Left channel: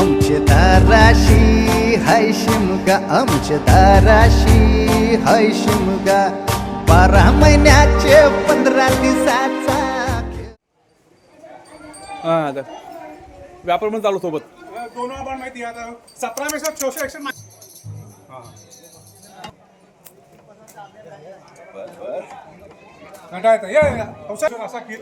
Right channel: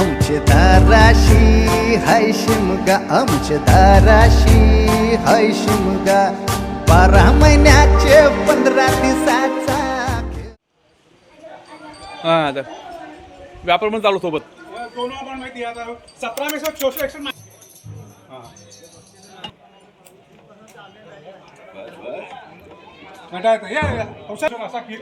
आमच्या दाराशी हाय शिमगा, आमच्या दाराशी हाय शिमगा, 12 महिन्याचे 15 दिवसाचा आता व्यापार पण चालू सोबत दोनों आपण माहिती आता 17 में सब शोषण ऍक्शन आता येतं या औषध असा की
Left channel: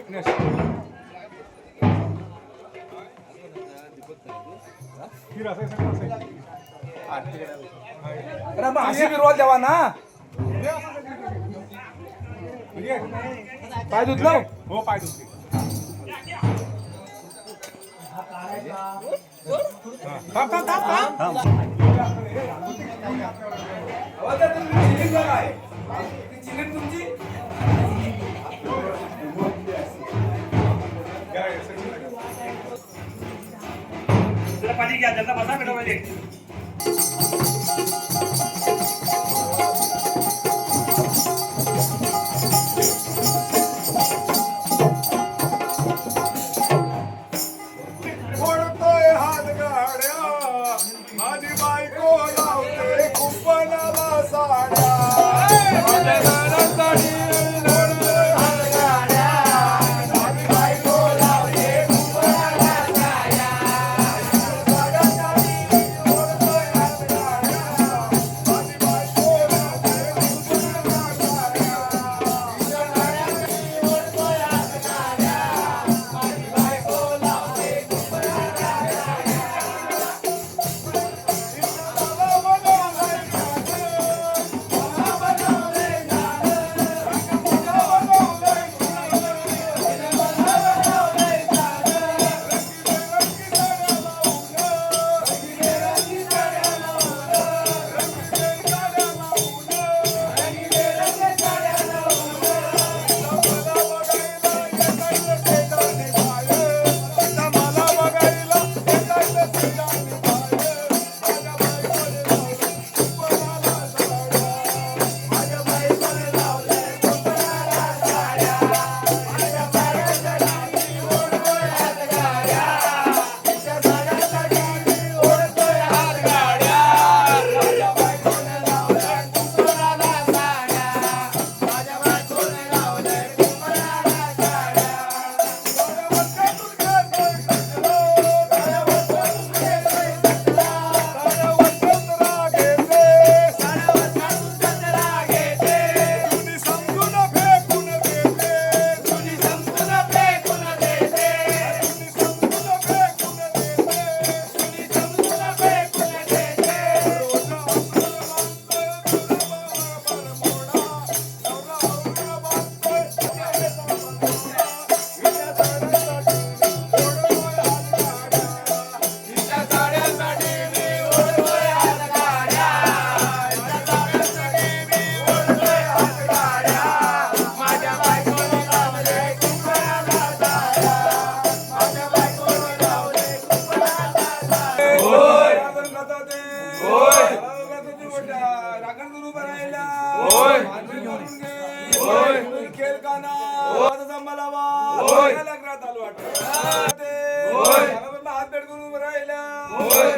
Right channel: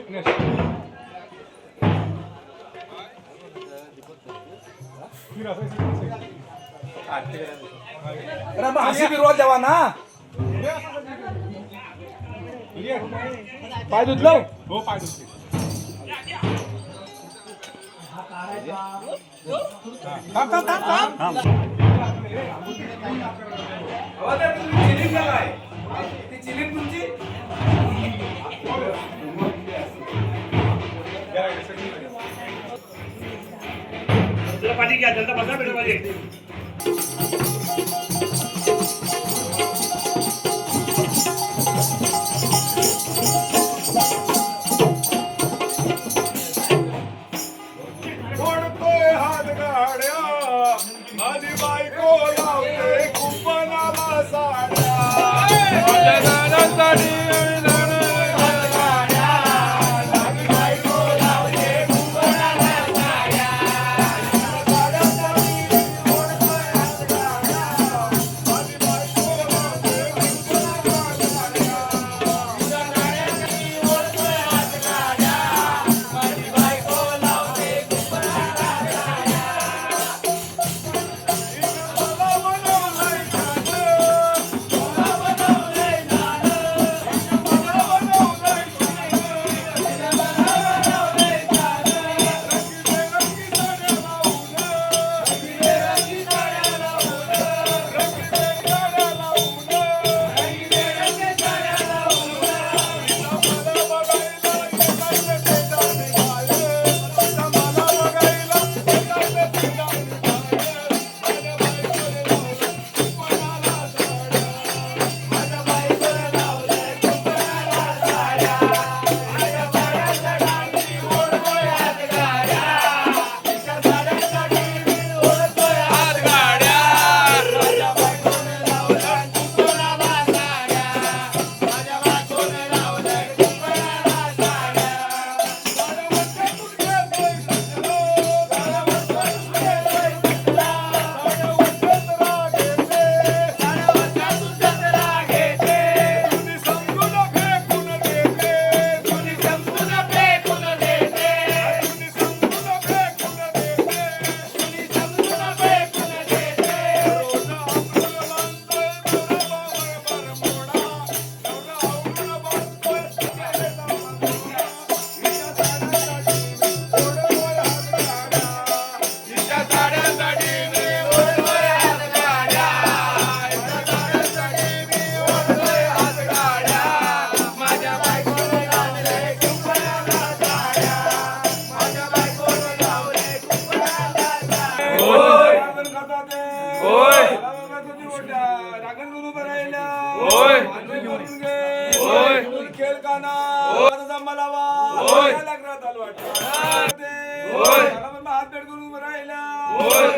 रोल द्यावा ना पाय धुतलो हो पाय दुसरी पाणी घ्या जल्दा बसा बेटा मध्ये माझी बायको लावते कुंपणाला साड्या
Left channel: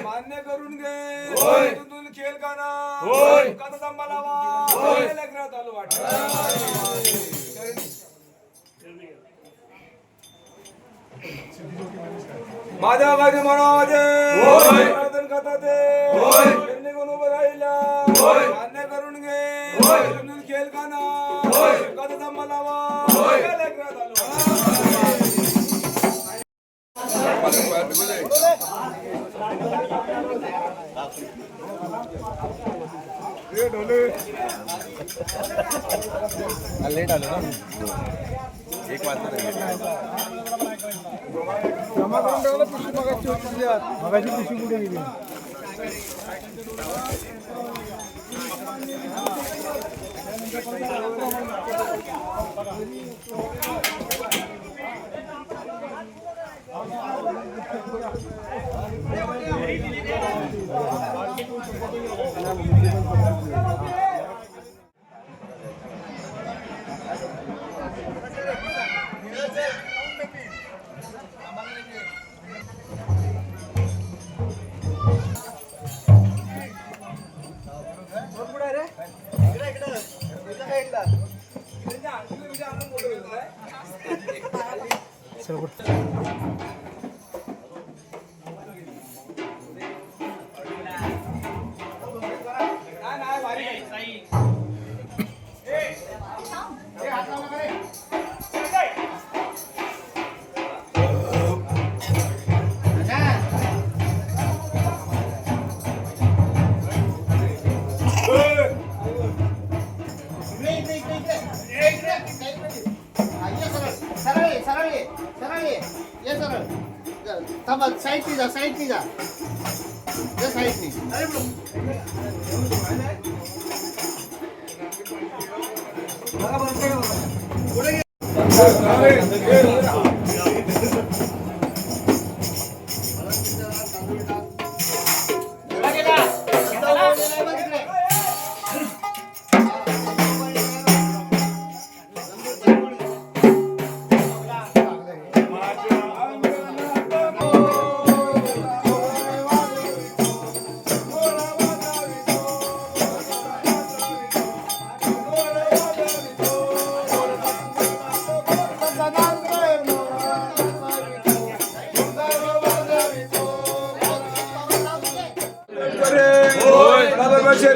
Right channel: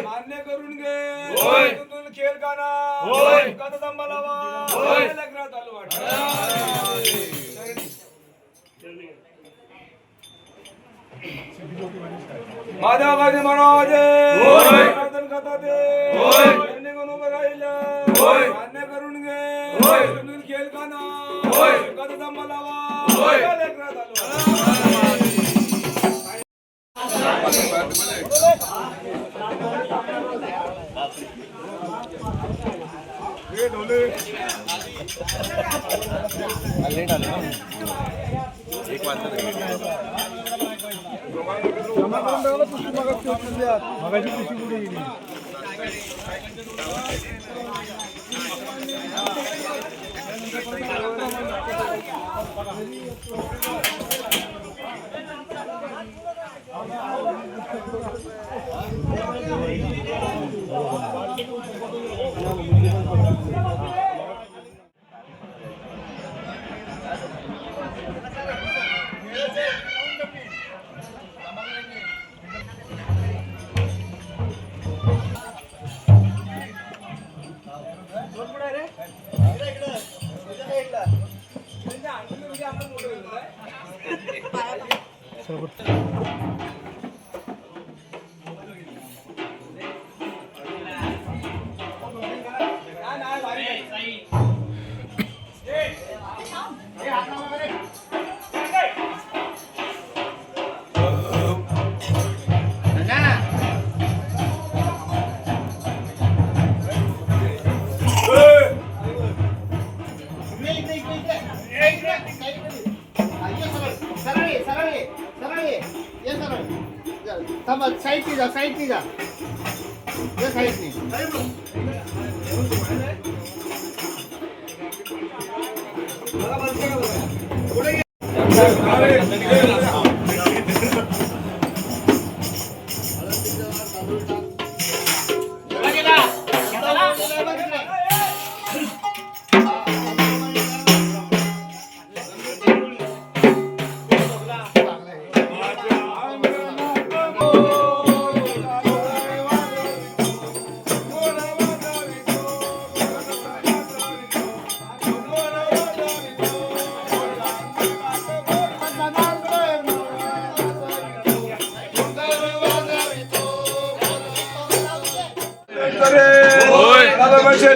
मान्य करून घे खेळ का ना लग्नात आलो वाटत माझ्या माझे मनोजे कथा ते उभं राहिला मान्य करून घे खेळ का ना कथा मला लग्नात आलो एक वाजता जमा करून ठेवलं पिशवी मगाची पिशवी कुठे गेली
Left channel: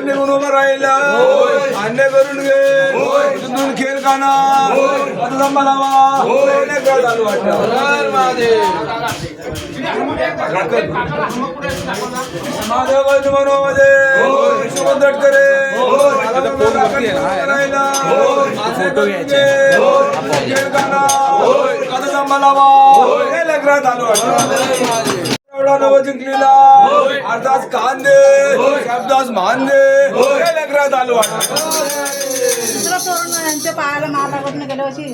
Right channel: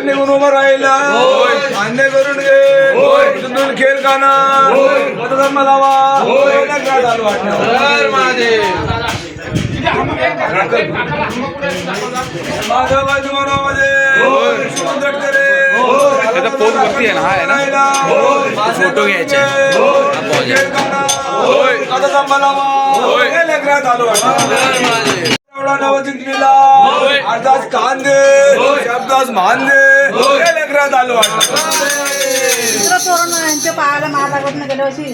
निघून उभं राहिला मान्य करून घे तिथून खेळ खाना आता फोन वरती आहे ना, हा आहे ना, फोटो घ्यायचे नव जिंकलेला अर्धाच कांदे शब्दास मानले लेकरात आलो पायाला मार लागत ना गेल्या वर्षी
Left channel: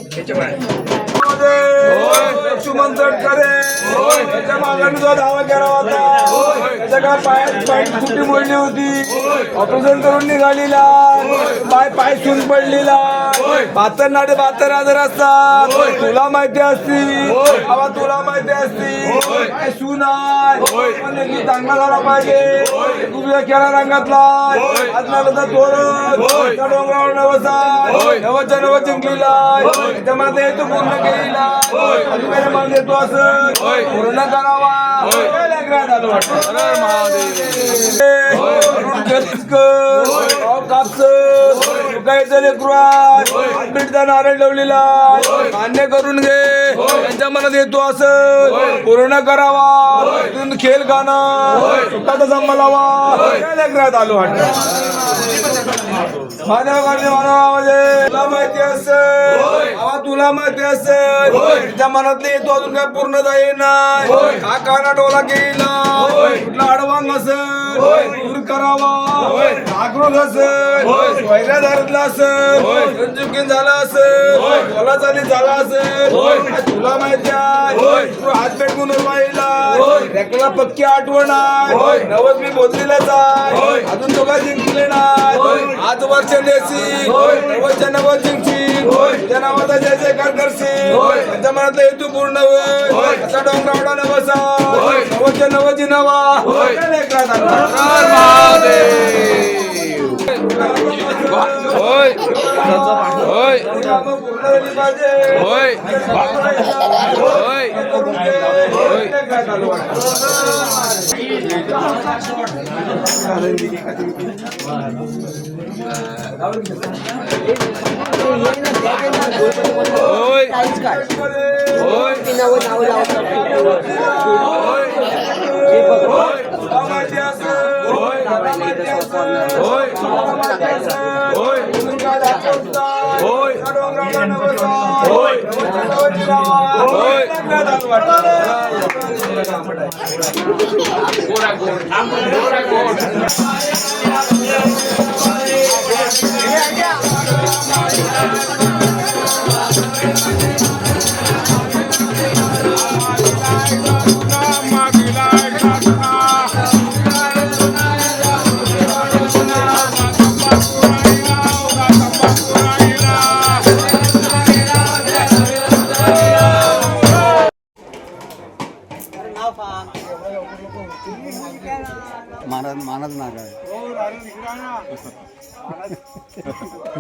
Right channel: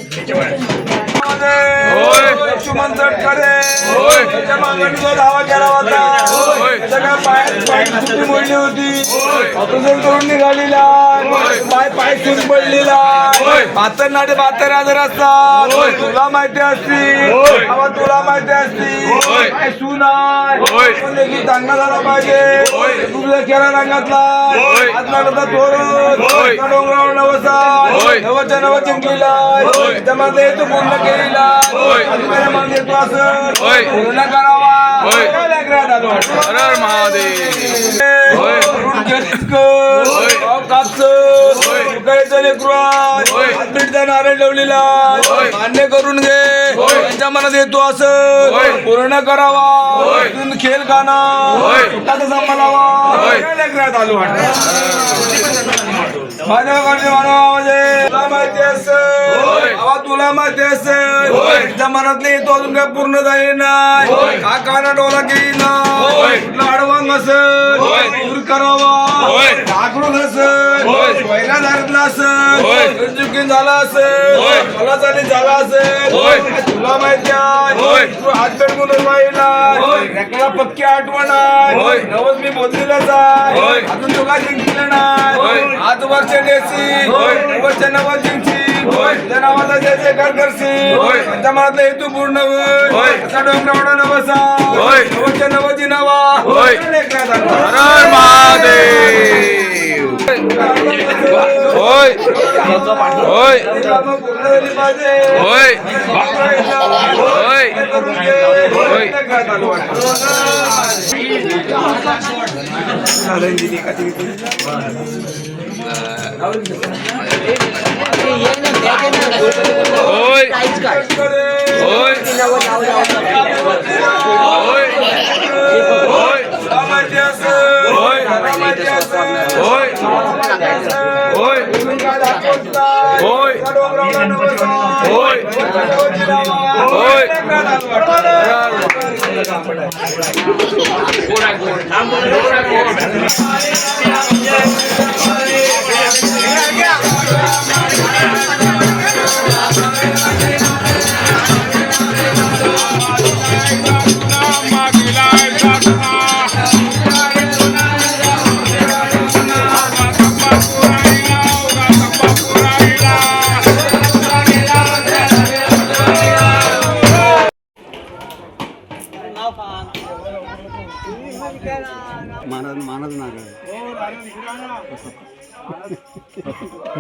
लक्ष्मण तटकरे त्याच्या मागणी जो धावा केला होता त्याच्या काय पाय कुठे मोडली होती ऑपरेशन करून निघालेला पाय सून पडलेला 72 नाटे 72 आजार असतात तुला माहिती असती तुला माहिती असती काय सून आहे चांगला झाला पाहिजे तुझ्या केला रंगातला आत्माला तोड डोंगरावर नवसा नव जिंकलेला त्याच्यामध्ये येतो पूर्ण केलेला अजून मान देतो असं पूर्ण करावा लेकरात आलो नारळ ठेवलेला मान्य करून घे त्यांच्या मनात येतो असं पूर्ण करावा तिथून खेळ खाना सांभाळावा लेकरात आलो तुला माहिती असेल तुला माहिती असेल तुझ्या मनातले येतो अजून काय पूर्ण जाईल नाही काकाना डोला घेईना कुठला अडवांग असेल दूर करावा आक्रोश असेल पहिला धरला असेल चुकीन झाला असेल मला चाली झाला असेल तुला माहिती आहे तू हात पेटून राहिला पक्की आठवण आहे रोज मी बोललेलाच आहे अजून तुला जिंकलं नाही आज वर्ष देसी नव जिंकची त्या नावाचा जय जयकार करशील त्यांच्या मनातला हेतू पूर्ण होईल असा डोंगरावडा नवसा नवच्या नवजी नवा होय होय होय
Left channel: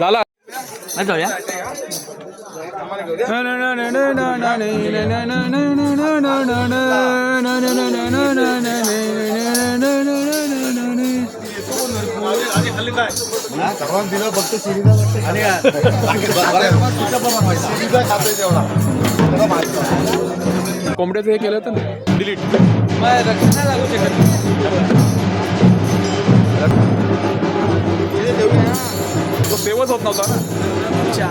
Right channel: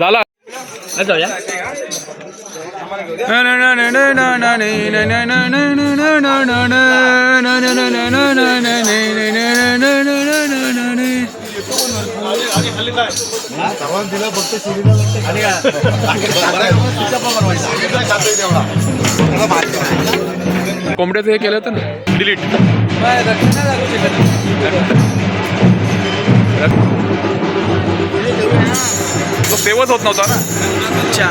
झाला जाऊया कोंबड्याचं हे केलं होतं ना डिलीट तो सेवच होत नव्हता ना अच्छा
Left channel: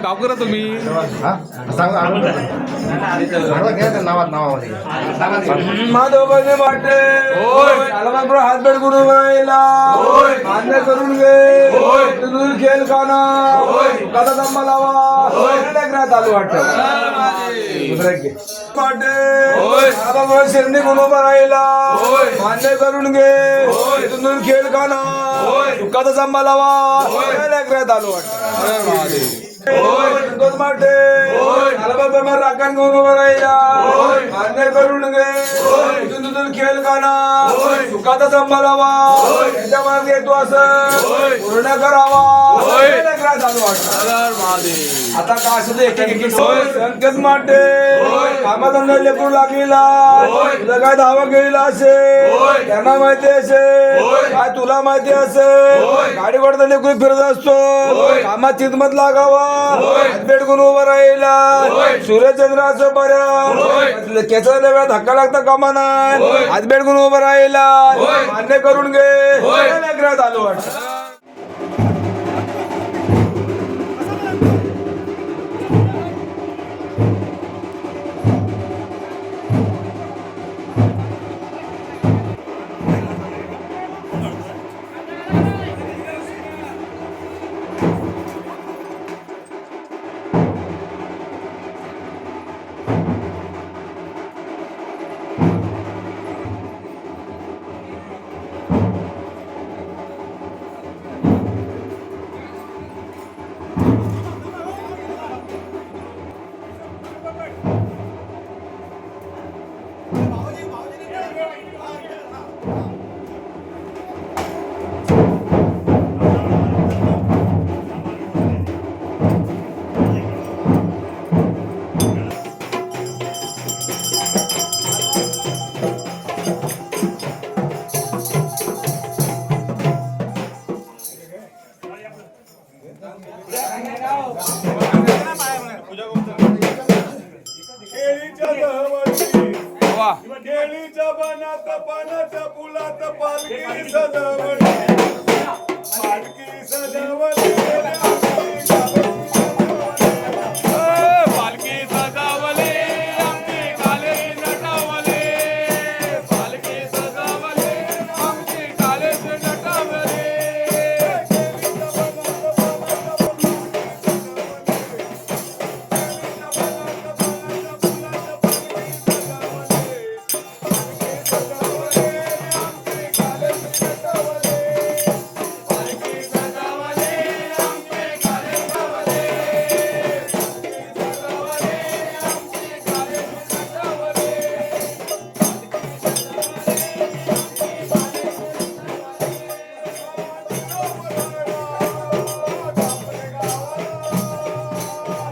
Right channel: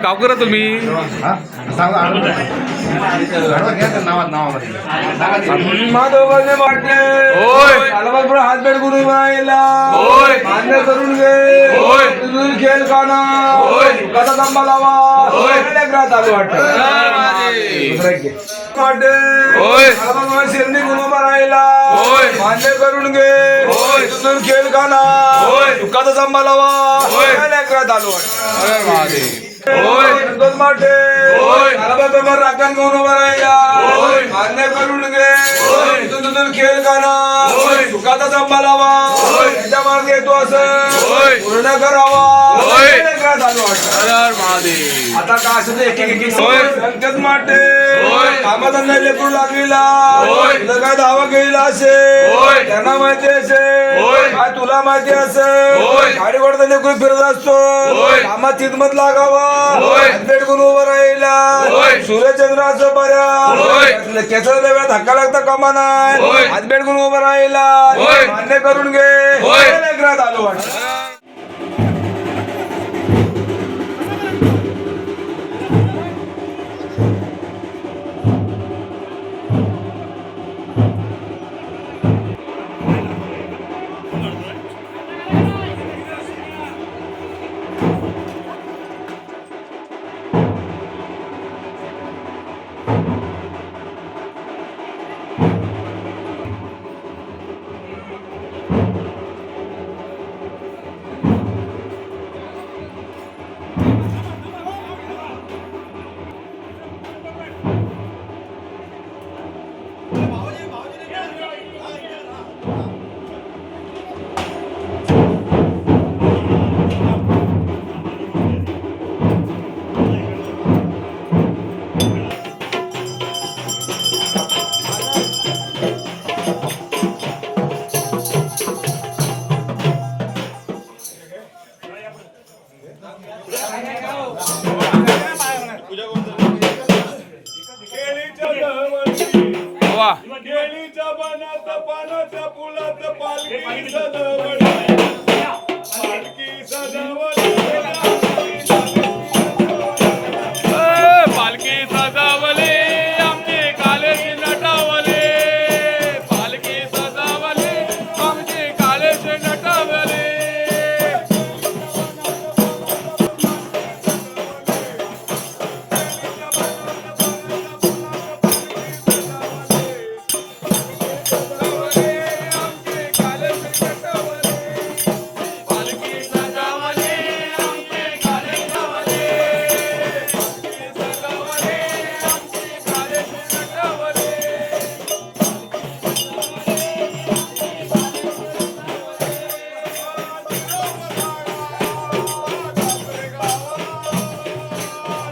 गाव करा तुम्ही माधवने वाटते हात बेड करून मान्य करून घे तुझून खेळ खाना कथा थांबा लावा चालू वाटत महादेव पाटे होय. भगवान शेरणी गुण बघायला होय. मान्य करून घे होय. इथून खेळ खाना होय. दुःखाचा संभाळावा होय. लेकरात आलो हर हर महादेव होय. दोन माटे होय. राखण घेऊन उभा राहिला होय. मान्य करून घे होय. इथून खेळ खाना होय. दुःखाचा संभाळावा होय. त्याच्या मागे येतो असं होय. पूर्ण करावा होय. लेकरात आलो हर हर महादेव आता काय असं ते एक एक एक होय. संकेत माटे होय. कामाधंदा लेकरू लागलेला होय. तुला काय धावा घेईला असे होय. त्यांना माहिती असे होय. काय तुला माहिती असे होय. गाडी वरता लेकरू फिरत असतो होय. कामात खिदमत लागावा होय. बेडकून उभं राहिला होय. सूर्यचंद्राचं होय. बरं केसाला वेळा धक्का लागता कामा नाही होय. हात बेडकून उभं राहिला होय. मान्य करून घे होय. लेकरात आलो वाटतं वा केळीच्या बनात पानाच्या फुलात पालखी सजवली पालखी सजवली पालखी सजावली आमची कालेची नटावली पालखी सजावली आमची कालेची नटावली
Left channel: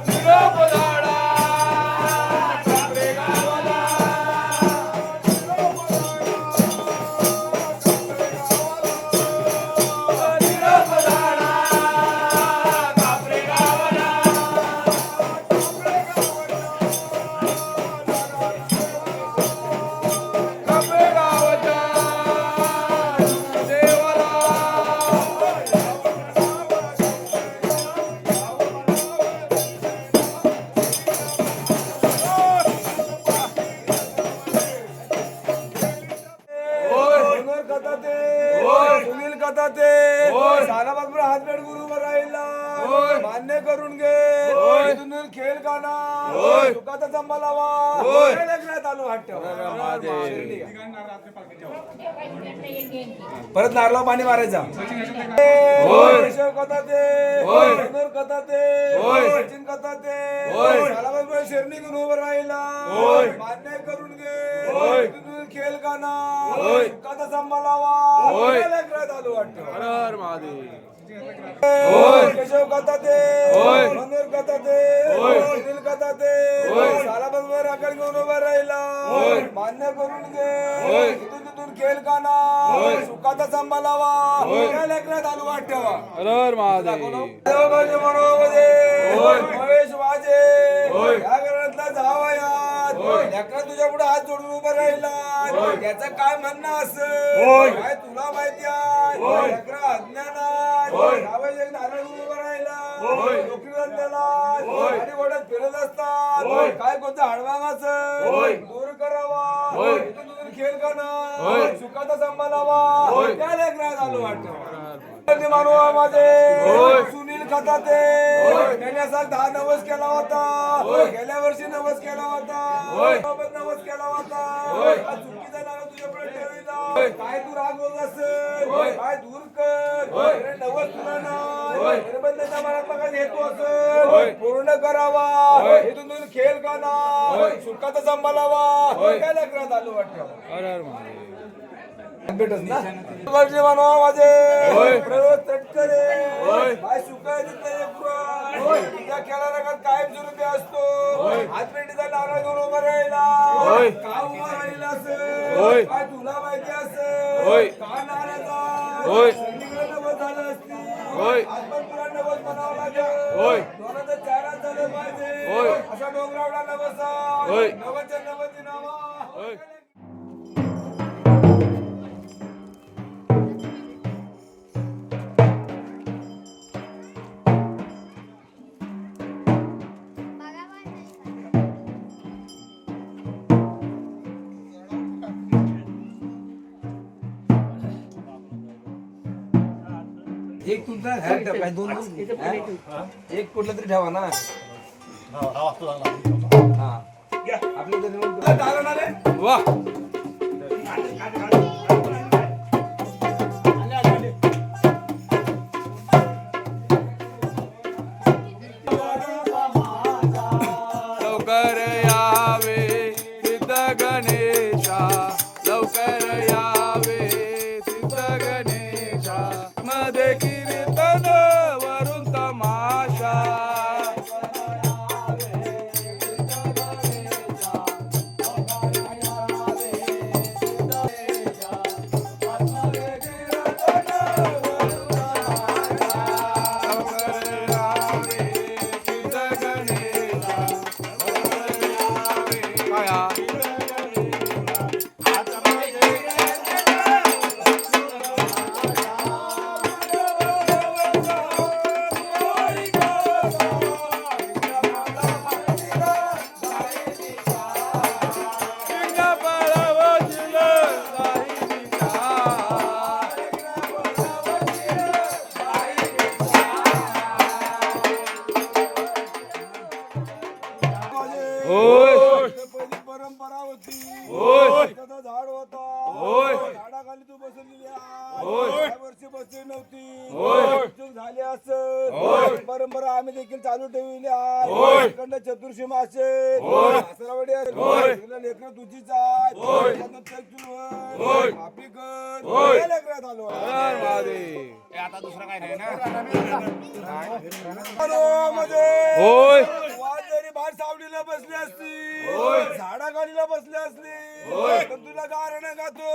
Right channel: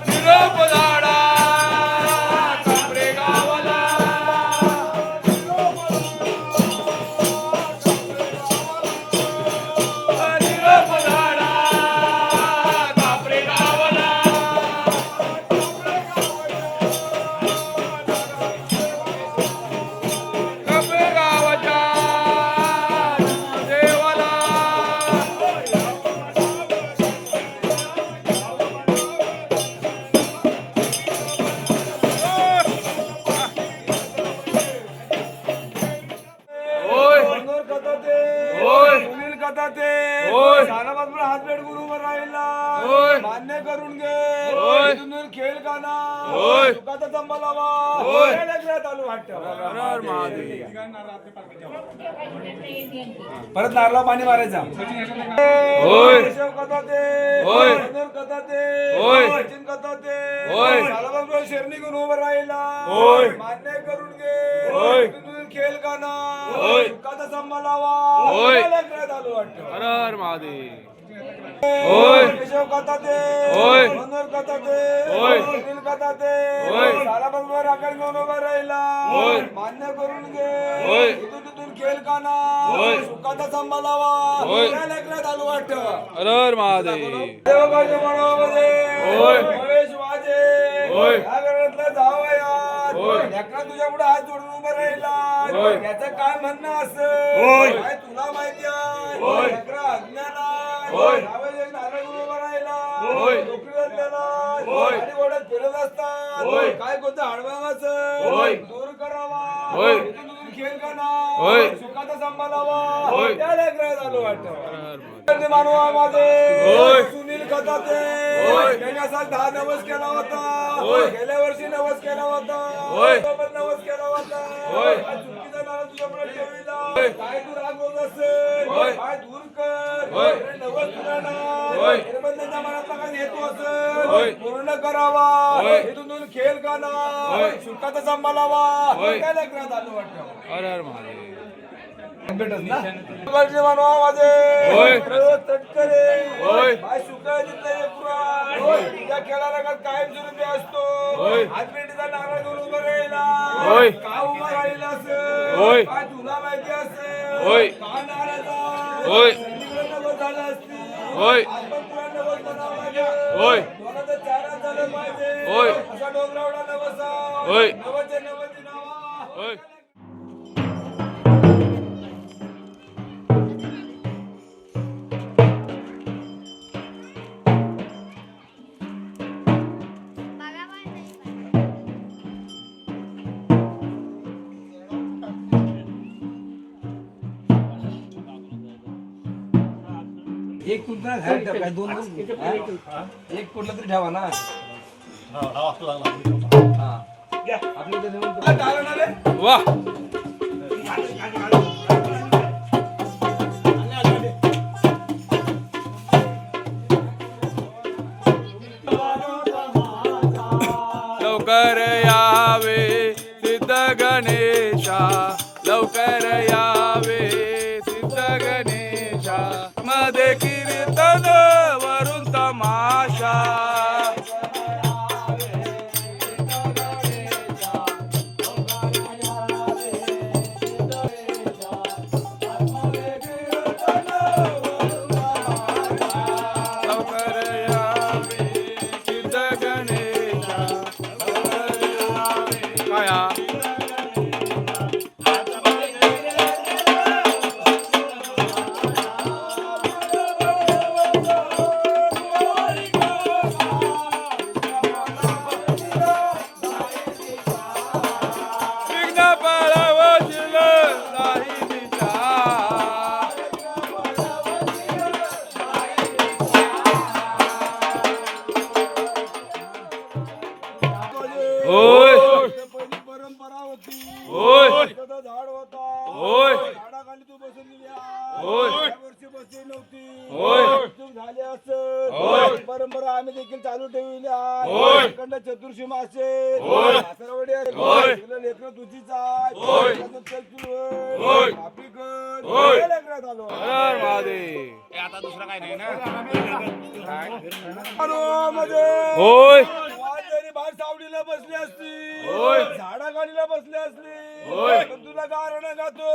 निरोप झाडा कापरे गावाला निरोप झाडा कापरे गावाला कापरे गावाच्या देवाला होय. मनोहर कथाते होय. सुनील कथाते होय. साराबादपुरा हात बेडकून उभं राहिला होय. मान्य करून घे होय. इथून खेळ खाना होय. सुखाचा संभाळावा होय. लेकरात आलो वाटतं परत नारळा पाणी मारायचा होय. केशव कथाते होय. मनोहर कथाते होय. सचिन कथाते होय. साराबादपुरा शेरणी घेऊन उभं राहिला होय. मान्य करून घे होय. इथून खेळ खाना होय. सुखाचा संभाळावा होय. लेकरात आलो वाटतं हर हर महादेव होय. केशव कथाते होय. मनोहर कथाते होय. सुनील कथाते होय. साराबादवर राखण घेऊन उभा राहिला होय. मान्य करून घे होय. इथून खेळ खाना होय. सुखाचा संभाळावा होय. लेकरात आलो वाटतं हर हर महादेव देवबाजी मनोबाजी होय. महेश वाजे होय. या घरातला जावयात होय. लेकरा तुझ्या पुढे हात जोडून उभा राहिला होय. याचं काय म्हणणं होय. असं काय तुला माहिती आहे होय. लेकरा अज्ञान आहे होय. जावई एक नारळ घेऊन उभा राहिला होय. नोकरी धंद्याला होय. गाडी घोड्यात फिरत असतात होय. काय कोणतं हळवांगाचं होय. दूर करावा होय. इथून खेळ करा होय. सुखाचा संभाळावा होय. त्या लेकरात आलो वाटतं मानवामध्ये होय. सुनील कथाते होय. त्यांनी असा 10 दिवस केला होता होय. गेल्या वर्षी नवस केला होता होय. सोबत नवस केला होता होय. आज चुकीचा नाव तुझ्या पुढे ठेविला होय. काय तू रागवत असेल होय. काय दूर कर होय. हे नवस तुला नाही होय. हे बंधनाच्या मनातला काय हेतू होय. असेल पूर्ण करावा होय. इथून दूर खेळ का होय. नाही सुखाचा सांभाळावा होय. काय लग्नात आलो वाटतं हर हर महादेव. भेटत ना गरजे बनवा माझे होय. रोज तटकरे होय. बाय सुखाय तिथं एक पुराण तुझ्या खेळाला का कायम स्वरूपी असतो होय. आज पेटीचा नारळ घेऊन उभा राहिला होय. का उभा राहिला असेल होय. काय तुला माहिती असेल होय. का नाराज आहे? होय. सगळीकडे नवस झालं असती होय. आज पण तुला नवस बनावं लागेल होय. दोनाचं चारा झालं पाहिजे होय. असा डोंगरावला नवस आहे. होय. नवसच्या नवसी नावा होय. एक कुठला काय दोन एक कुठला तरी ठेवा ना वाह. लवकर यावे सिद्ध गणेशा लवकर यावे सिद्ध गणेशा मध्ये कीर्तन वरून तमाशा लवकर यावे सिद्ध गणेशा काया विघ्न पळवशील साहित्या होय. परंपरा होती होय. त्याचं झाड होता होय. झाडाखाली तू बसलेली आहे. होय. या वर्षी बसली नव्हती होय. चूक झाली असं होय. परंपरा आम्ही देखील चालू ठेवली होय. आहे इकडनं चतुर्शी मासे होय. सासरवाडी आहे. होय. इकडं लेकरं तुझीच आहेत. होय. त्यातनं चल सुरू होय. होय. माफी कर होय. या लेकरात आलो हर हर महादेव. आलो म्हणजे होय. वाज जरी बाहेर सावलीला बसली असती होय. झाडाखालीला बसली असली होय. पण तुला गारणं गातो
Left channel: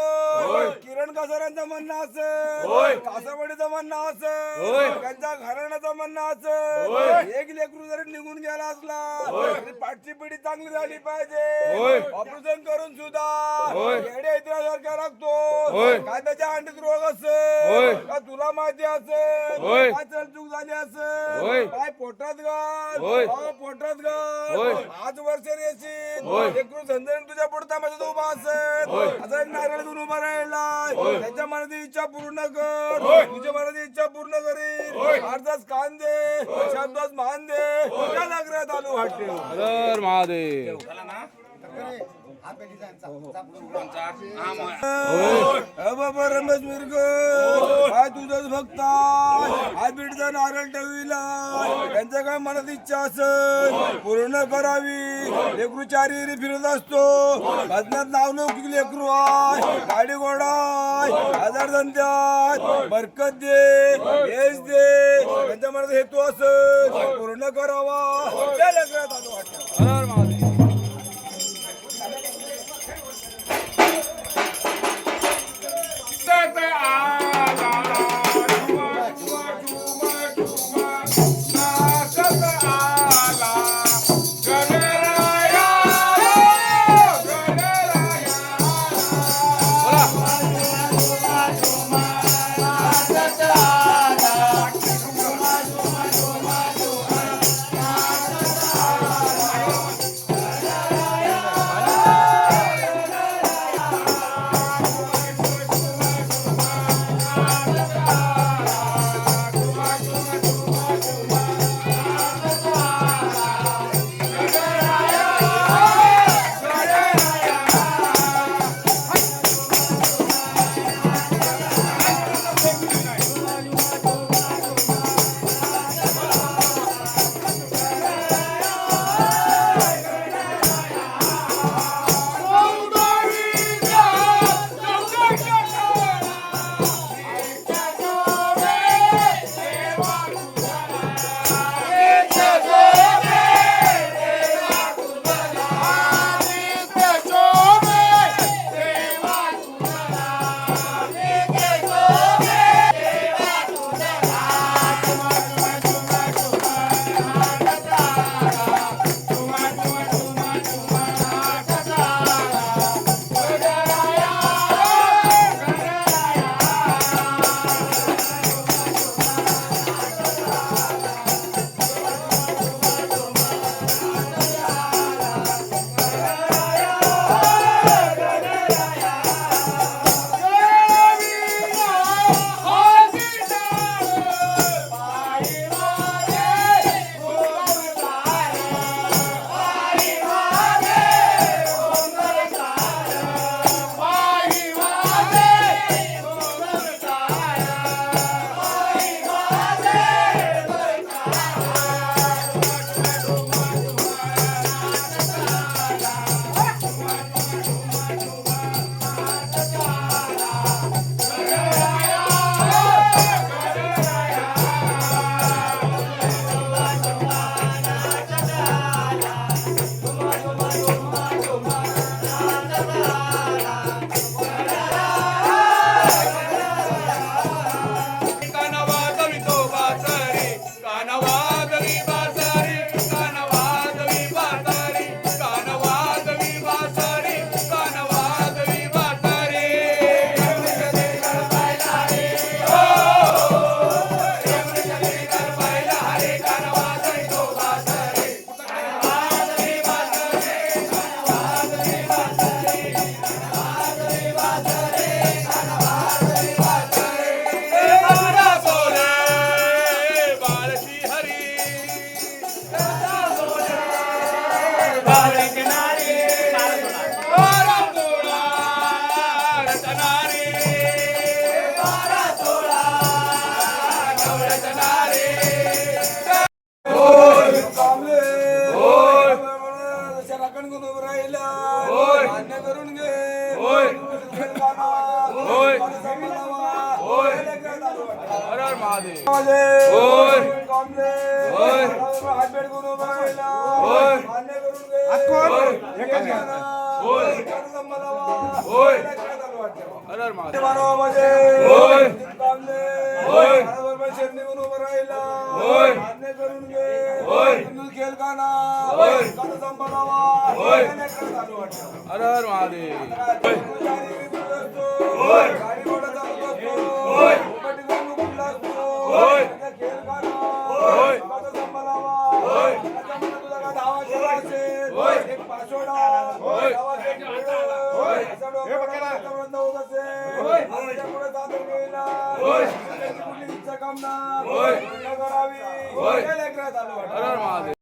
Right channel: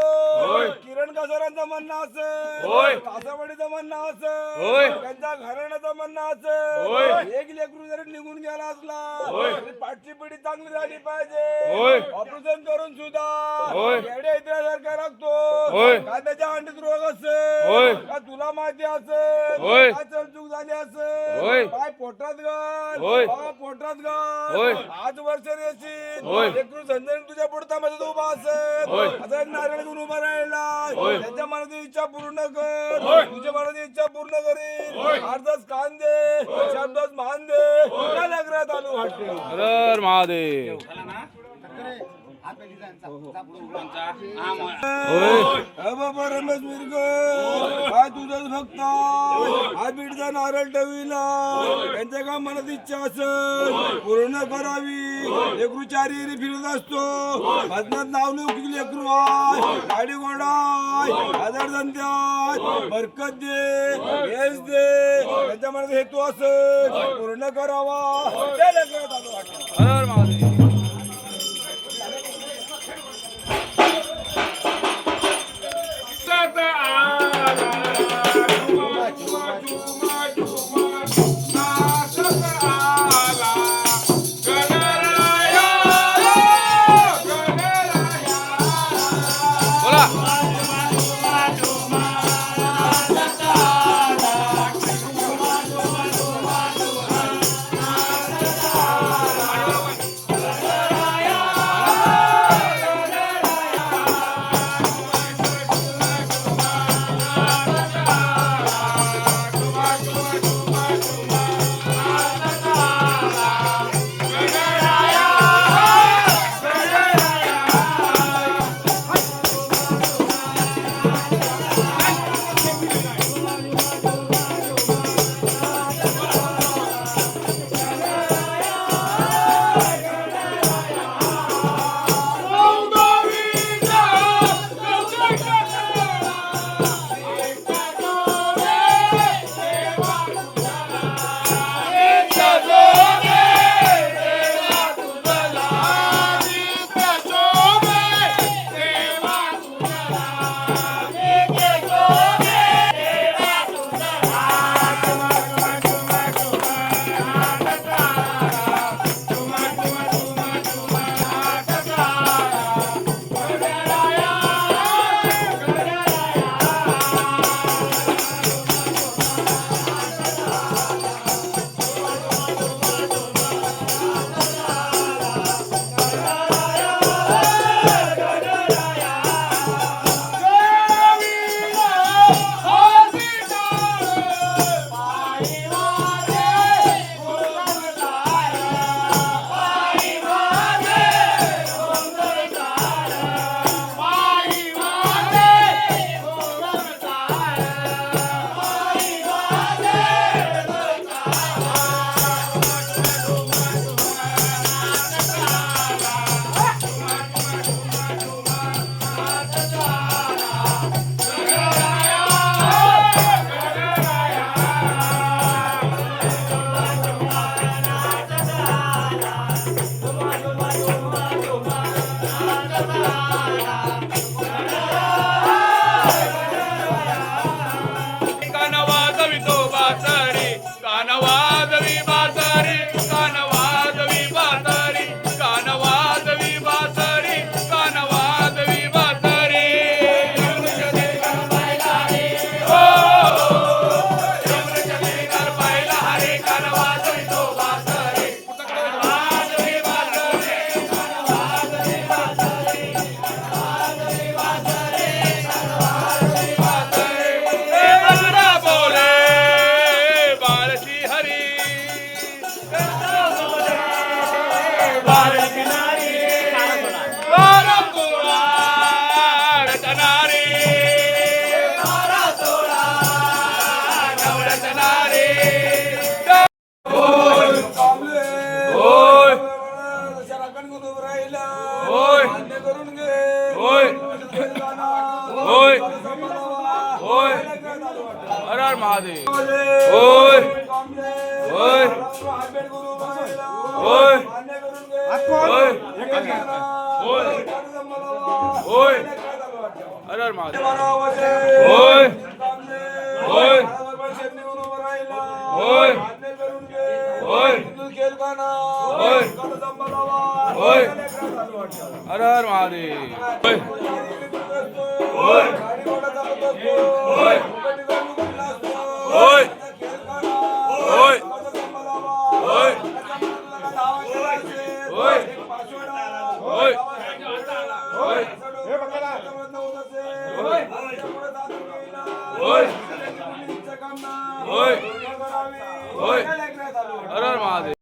होय. किरण कासारांचं म्हणणं असं होय. कासावडीचं म्हणणं असं होय. त्यांच्या घराण्याचं म्हणणं होय. असं एक लेकरू जरी निघून गेला असला होय. तरी पाठची पिढी चांगली झाली पाहिजे होय. ऑपरेशन करून सुद्धा होय. येड्या इतिहासारखा लागतो होय. काय त्याच्या अंडीत रोग असेल होय. का तुला माहिती असेल होय. काय चलचूक झाली असेल होय. काय पोटात घाल होय. पोटात घाल होय. आज वर्ष येशील होय. लेकरू संजय तुझ्या पुढतामध्ये उभा असेल होय. आता एक नारळ घेऊन उभा राहिला होय. त्याच्या मनाची इच्छा पूर्ण कर तुझ्या मनाची इच्छा पूर्ण करील अर्धाच कान दे शब्दाच मान दे तुझ्या नगरात आलो वाटते हर हर महादेव. बाबा रमेश मिरग काय तुझंच भक्त हा बीडचा नारळ ठेवीला त्यांच्या काय मनात इच्छा असेल पूर्ण करावी लेकरू चारी फिरत असतो भजनात नाव नऊ लेकरू आहे गाडी घोडा आहे हजार धंद्यात बरकत दे यश दे त्यांच्या मनात हेतू असेल पूर्ण करावा त्या लेकरात आलो वाटतं हर हर महादेव. बोला महादेव